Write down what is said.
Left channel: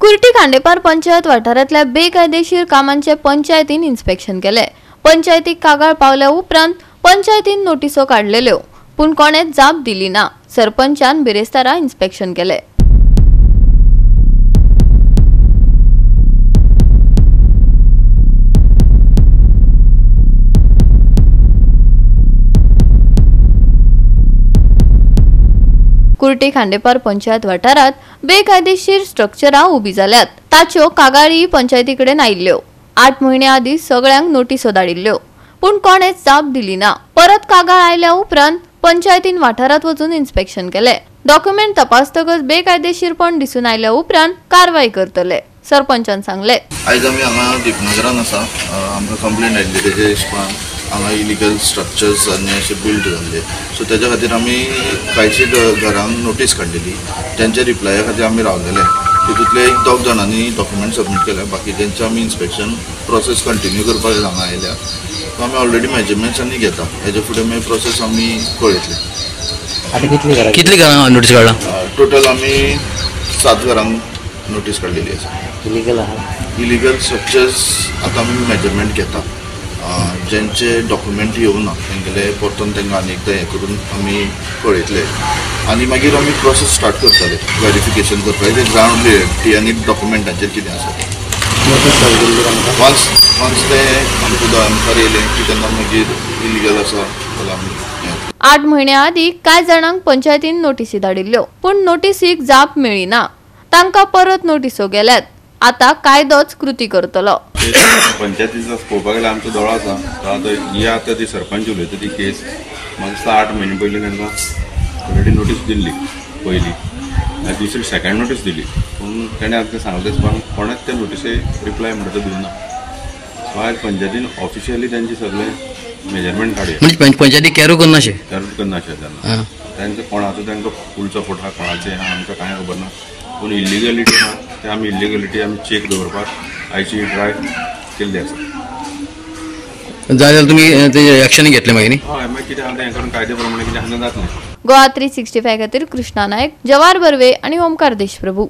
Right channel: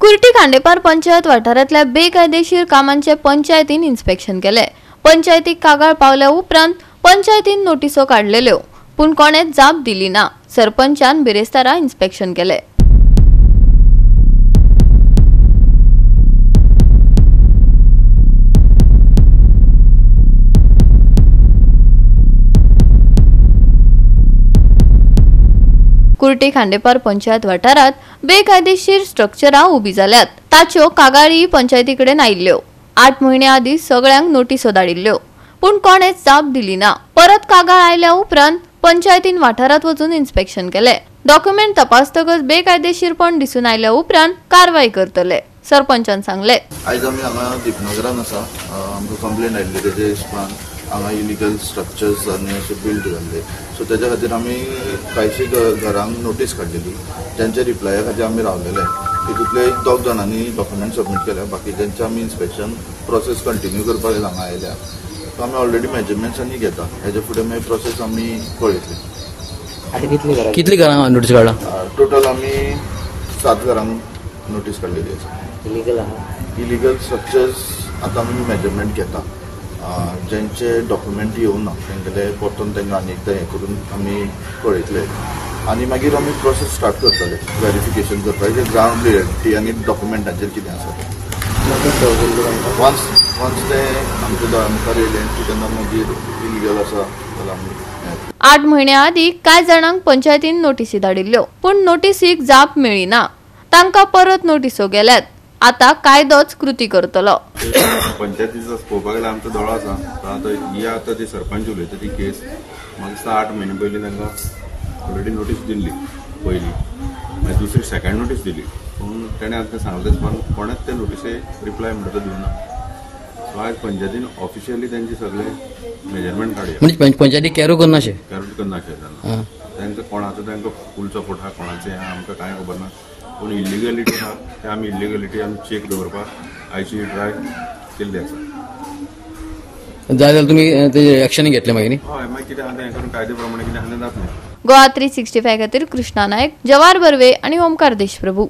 कुर्टी खांडेपार पंचायत वाठारांतल्या बेकायदेशीर कामांचे पंचायतीन इन्स्पेक्शन केले। पंचायतीक कागाळ पावल्या उपरांत पंचायतीन नोटिसो काढलेल्यो, पूण कोणेच जाप दिली ना। सरपंचान बिरेस्तारा इन्स्पेक्शन केले। कुर्टी खांडेपार पंचायत वाठारात बेकायदेशीर स्ट्रक्चरां उबी जाल्यात। ताच्यो कागाळी पंचायतीकडेन आयिल्ल्यो। 8 म्हयने आदीं सगळ्यांक नोटिसो धाडिल्ल्यो, पूण कोणेच जाप दिली ना। परत कागाळ आयल्या उपरांत पंचायतीन वाठारात वचून इन्स्पेक्शन केले। डॉक्युमेंट तपासतकच बेकायदेशीरपण दिसून आयल्या उपरांत कारवाई करतले, सरपंचान सांगले। आयज आमी हांगा दीपनगरान आसा, आमकां कंप्लेंट आयिल्ली तेजे हिशपान हांगा इलिगल स्ट्रक्चर्स आनी अशे बिल्ड जाल्ले। सो तेज्या खातीर आमी कांयशी घरांक नोटीस काडलेली, तेंच्या रिप्लाया खातीर आमी रावलेले। तितूंतले 1-2 जाणांनी डॉक्युमेंट सबमीट केल्या, बाकीच्यांचे आमी इन्स्पेक्शन प्रोसेस कंटिन्यू करपाक हांगा आयल्या। सो आमी ऑलरेडी मेजरमेंट्स आनी घेता, हेजे फुडें मागीर प्रोसेस आमी पळयतले। कितली घरां नोटीस काडला? टोटल आमी 7 घरांक नोटीस काडलेली आसा। इलिगल स्ट्रक्चर्स आतां आमी मेजरमेंट घेता, जेंचे डॉक्युमेंट येवना तेंगेले परतून तेंकां आनी एकदां हें करून आमी पळयतले आनी मागीर आमी प्रोसेस स्टार्ट करतले वेरिफिकेशन करपाक जे ग्रावंड रियलिटी आनी डॉक्युमेंटाचेर कितें आसा। वन्स ते आमकां येयलें की तेन्ना मागीर इलिगल आसा जाल्यार आमी 8 म्हयने आदीं कांय जाणांक पंचायतीन नोटीसी धाडिल्ल्यो, पूण नोटीसीक जाप मेळिना। तांकां परत नोटीसो गेल्यात। आता कायदोच कृती करतलो। पंचायतीचा पळोवपाक गेल्यार आमचो दोळो आसा, आतां ती सरपंच उलयता ती केस म्हाका 8 म्हयने पयलीं तांकां ऑलरेडी नोटीस दिल्ली पयलीं, आनी दुसरी सेकंड नोटीस दिली, पूण ताणें आतां सांगले दिसपाक कोणेच त्या नोटिसेक रिप्लाय म्हणटा तो दिवना। सो आयज पंचायतीन ऑफिशियली तेंचे सगळे मेजरमेंट काडया, म्हणजे पंचायती कॅरू करनाशे तेन्ना तांकां कोणाचो तांकां फूल सपोर्ट आहा, कोणाचें आहा आमकां कांय खबर ना। पूण इलिगलिटी आहा ते आमी इलिगलिटी आमी चेक दवरपाक आयची ट्राय केल्ली आसा। जाल्यार तुमी एक्शन घेतले मागीर? हय, मागीर कितें आहा तें करून कायदे प्रमाणे कितें आहा तें जातलें। गोवा 365 खातीर कृष्णा नायक, जवाहर बर्वे आनी ओमकार देशप्रभू।